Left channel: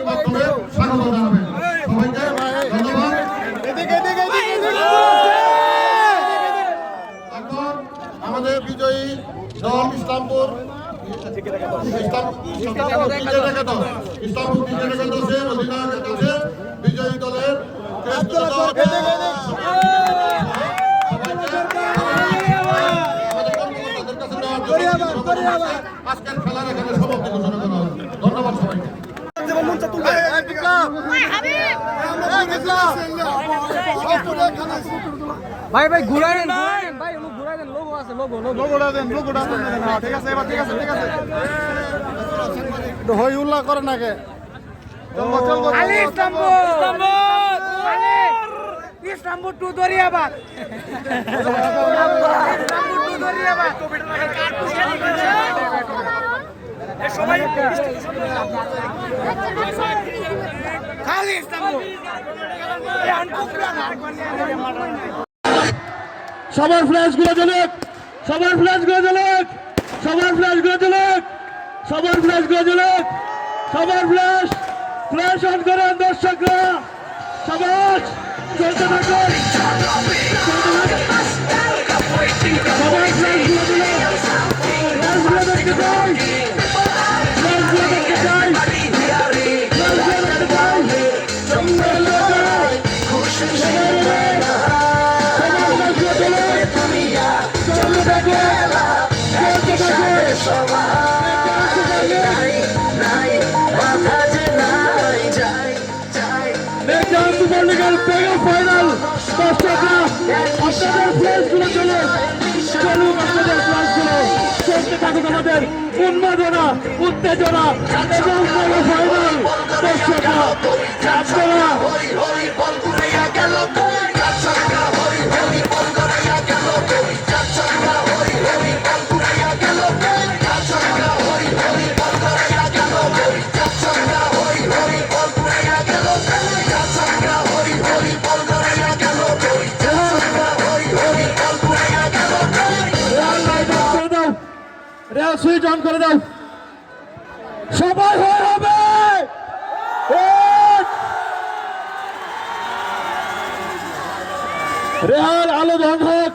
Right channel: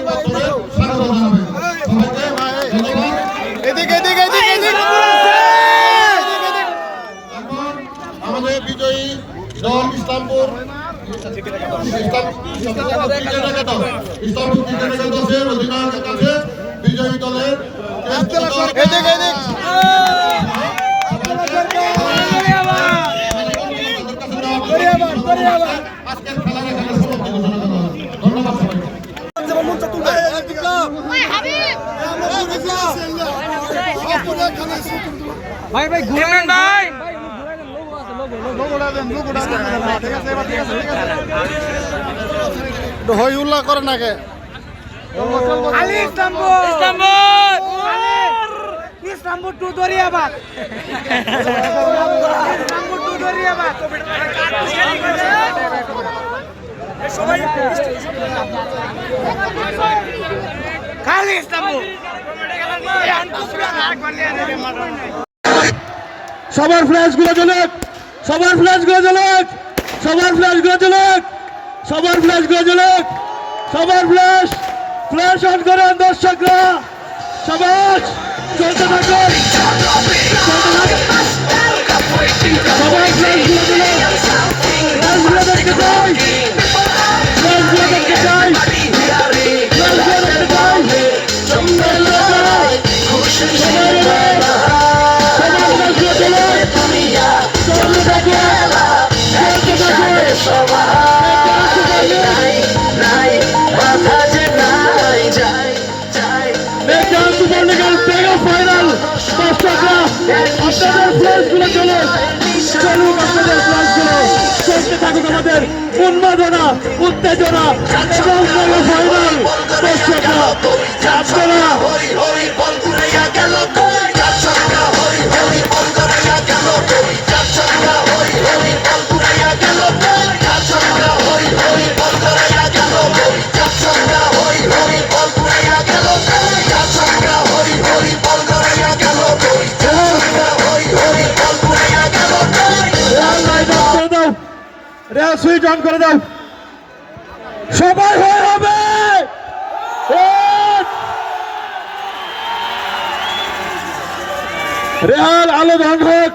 বিরতির মাধ্যমে স্বাগত জানাবেন সবাইকে ধন্যবাদ এদিকে আজকের খেলার সমাপ্তি ঘোষণা করা হলো। ধন্যবাদ সবাইকে ভাই ভাই ঘুরাবেন ভাই। ভাই। ওগুলো ঘুরাবেন লোগো আছে লোগো লোগো একটু হই উল্লাহ করে নাকে ইসলামপুর টু দরিয়াবাদ। ইসলামপুর টু দরিয়াবাদ। খালি সবার ফ্ল্যাশগুলো জ্বলুক, সবার ফ্ল্যাশগুলো জ্বলুক, সবার ফ্ল্যাশগুলো জ্বলুক, সবার ফ্ল্যাশগুলো জ্বলুক, সবার ফ্ল্যাশ ফ্ল্যাশ অন করেন দর্শকরা। থাকুন। চলতে থাকুন। সবার থাকুক আমাদের উন্মাদনা উত্তেজনা দর্শকরা রেল সুইচ অন করে দাও। সবাই হয়ে হবে। রেহাল আলো ভাঙ হোক।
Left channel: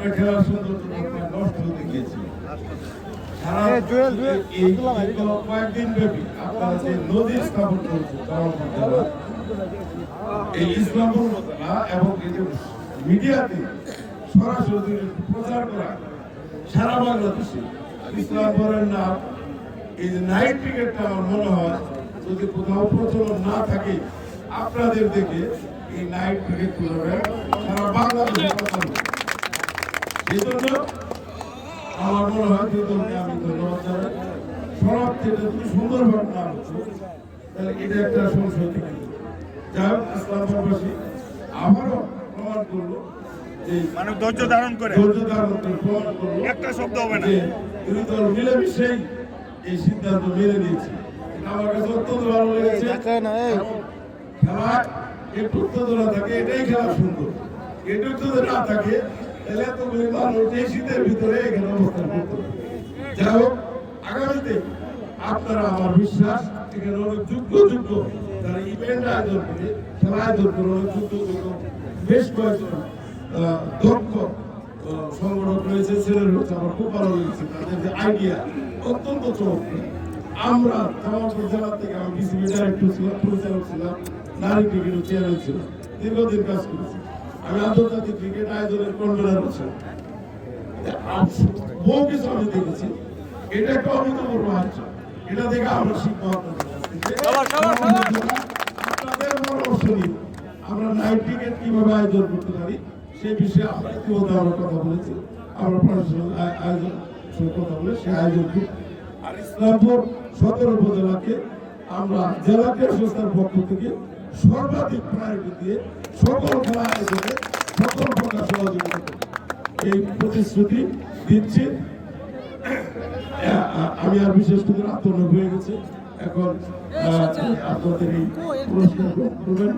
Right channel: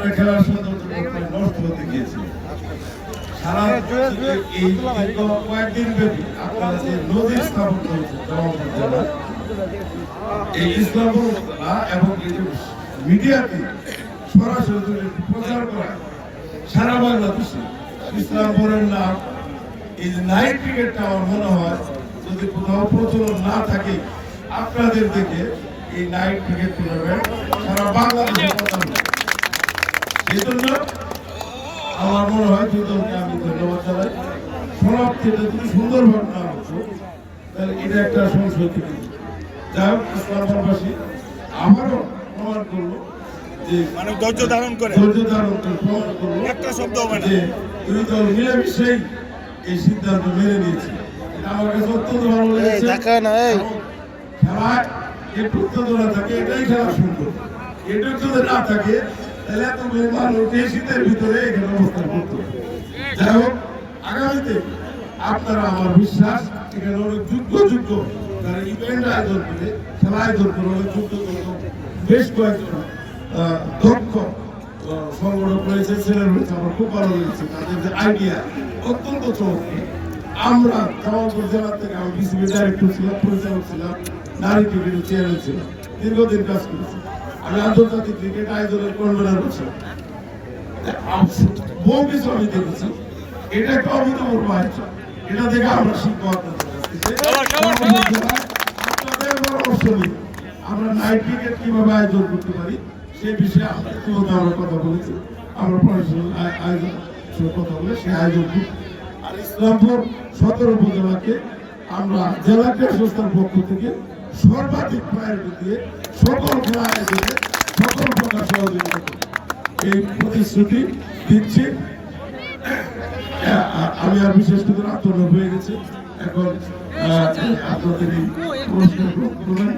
কারণে খেলার সৌন্দর্য নষ্ট হতে গিয়েছিল সারা এই কয়েকদিন ব্যাপী আপনারা যে নদী স্থাপন করেছে জবাবপুর এই ইসলামপুর এবং মিডিয়াতে সরাসরি যদি প্রচার করা সারা বাংলাদেশে ইসলামপুরের নাম এই নাইট ক্রিকেটটা আমার মনে হয় যদি কোথাও প্রচলন না থাকে আপনাদের দেখে এই নাইট ক্রিকেট টুর্নামেন্ট সারা বাংলাদেশে সেই জন্য আমার মনে হয় দুই দলকে আমি ধন্যবাদ জানাই। সমাপ্তিটা যদি সুন্দরভাবে না হতো তাহলে এটা একটা যেত। যাই হোক ইসলামবাসী আবারও প্রমাণ করল যে মানে ধৈর্য ধারণ করে। ধৈর্য ধারণ করে প্রমাণ করল একটা শব্দ হবে না। যে দুই দল মিলেমিশেই এই সিদ্ধান্ত মেনে নিয়েছে। এটা আমার কাছে অত্যন্ত ভালো লেগেছে। খেলায় একটু উত্তেজনা থাকে এটাই খেলা সুন্দর। একটু যদি না থাকে তাহলে ভিতরে এখানে অবস্থান যাই হোক, আগামীতে আপনারা আমার বিশ্বাস, এখানে অনেক যোগ্য যোগ্য যারা ইভেন্ট আয়োজন করে, খেলা আয়োজন করে অনেক যোগ্য বেশ কয়েকজন দক্ষ সংগঠক রয়েছে ছেলের রয়েছে, আমার খুব ভালো লেগেছে তাদের যে আইডিয়া অত্যন্ত চমৎকার। আমরা জামালপুর জেলা থেকে আমি বিসিবি ডাইরেক্টর ছিলাম, পরিচালক ছিলাম, নারী ক্রিকেটের চেয়ারম্যান ছিলাম, দীর্ঘদিন কাজ করেছি। আন্তর্জাতিক ক্রিকেট আয়োজনের কনভেনার ছিলাম বহু কিছু আমি দেখেছি এটা একটা আয়োজন। এটা দেখে আমরা শিখব আপনাদের পরামর্শ আমরা নাইট ক্রিকেট কীভাবে আয়োজন করতে পারি সেই বিষয়ে আমরা ইতিমধ্যে আমরা কথা বলেছি। আমরা প্রফেশনাল আয়োজন কথা বলে সেই আয়োজন আর ইসলামপুর সদর উপজেলাকে আমরা জেলা ক্রীড়া সংস্থার পক্ষ থেকে সর্বাধিক প্রায়োরিটি দিয়ে সকল খেলা আয়োজনে সকল প্রকার সহযোগিতা এই প্রতিশ্রুতি দিচ্ছি। আমি আর বিশেষ করে আত্মনব হয়ে গেছে। এখন আপনাদের এই পুরস্কার গ্রহণ করবেন।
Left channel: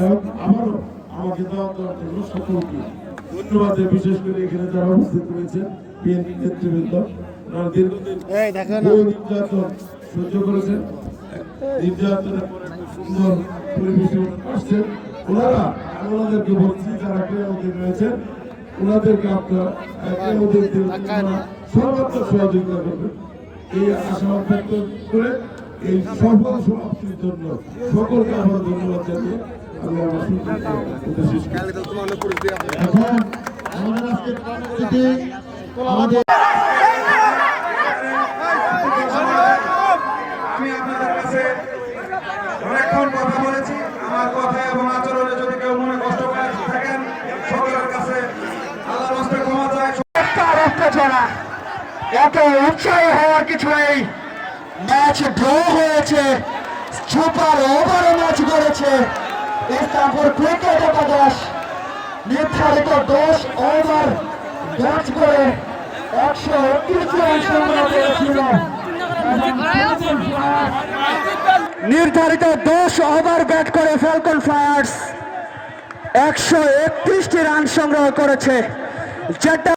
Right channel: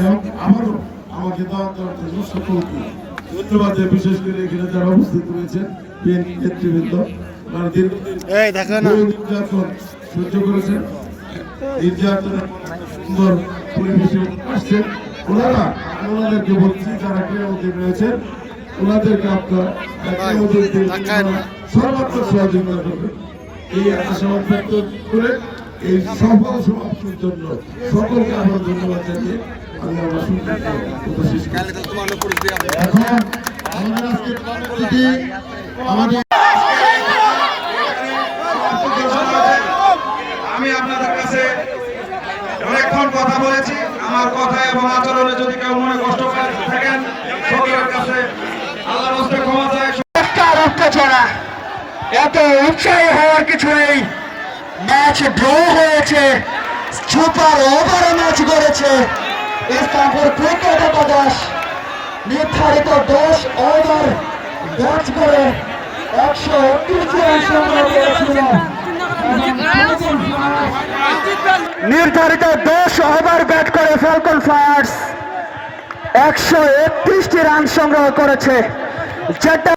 হোক, আবারও আমাকে দাওয়াত দেওয়ার জন্য সকলকে ধন্যবাদ বিশেষ করে এখানে যারা উপস্থিত রয়েছেন বিএনপি নেতৃবৃন্দ দীর্ঘদিন নির্যাতন সহ্য করেছেন নির্যাতনের সুন্দর পরিবেশে আসছেন ওনারা ওনাদেরকে বলছি যারা ক্রীড়ামন্ত্রী রয়েছেন ওনাদেরকে আপনার সর্বাত্মক সহযোগিতা করবেন। এই আশাবাদ ব্যক্ত করে এই সফল সমাপ্তির জন্য সকলকে আমার ধন্যবাদ জানিয়ে আমি আমার করছি। এখন আমাদের আজকে আমাদের আমি আপনাদের কাছে অনেকক্ষণ কথা বলেছি আমার কথা এবং আচরণে যদি কেউ মনে কষ্ট করে থাকেন সকলের কাছে আল্লাহর হস্তে ক্ষমা চাই রক্ত ছড়া এত উৎসাহী হওয়ার কিছু নেই। ম্যাচ ড্র হয়েছে। সুপার ওভারে ম্যাচ গড়েছে। ক্রিকেট একাদশ নির্ধারিত দশ ওভার ব্যাট করে একশো উনত্রিশ রান সংগ্রহ করেছিল। নির্ধারিত দশ ওভার ব্যাট করে ফ্যালকন ফায়ার্স একশো একত্রিশটি রান সংগ্রহ করেছে। যেটা